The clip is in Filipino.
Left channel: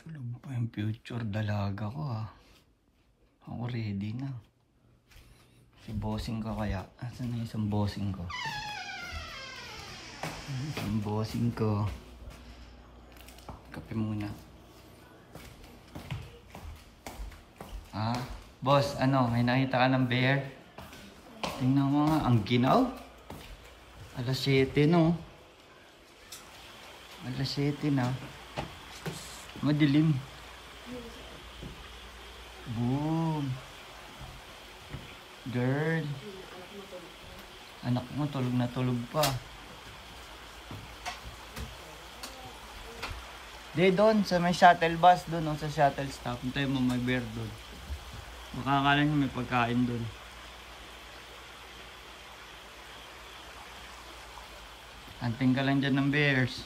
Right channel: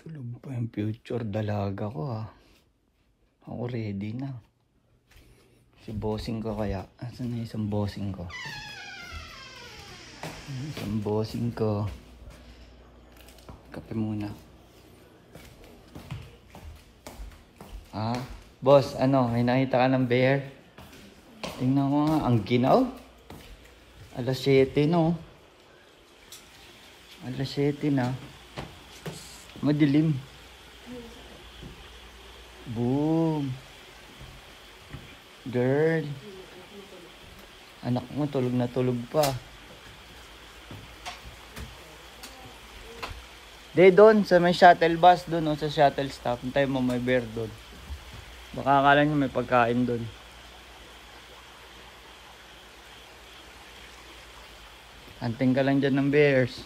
Tulog pa yung future dalaga ko ha. Ako ready na. Si bossing ko kaya. Asan na isang bossing ko? Isang bossing ko. Kape muna. Ah, boss, ano? May nakita ka ng bear? Tingnan ko nga. Ang ginaw. Alas 7 no. Alas 7 na. Madilim. Boom. Girl. Anak mo tulog na tulog pa. Day doon sa may shuttle bus doon no, sa shuttle stop. Antay mo may bear doon. Baka akala nyo may pagkain doon. Anting ka lang dyan ng bears.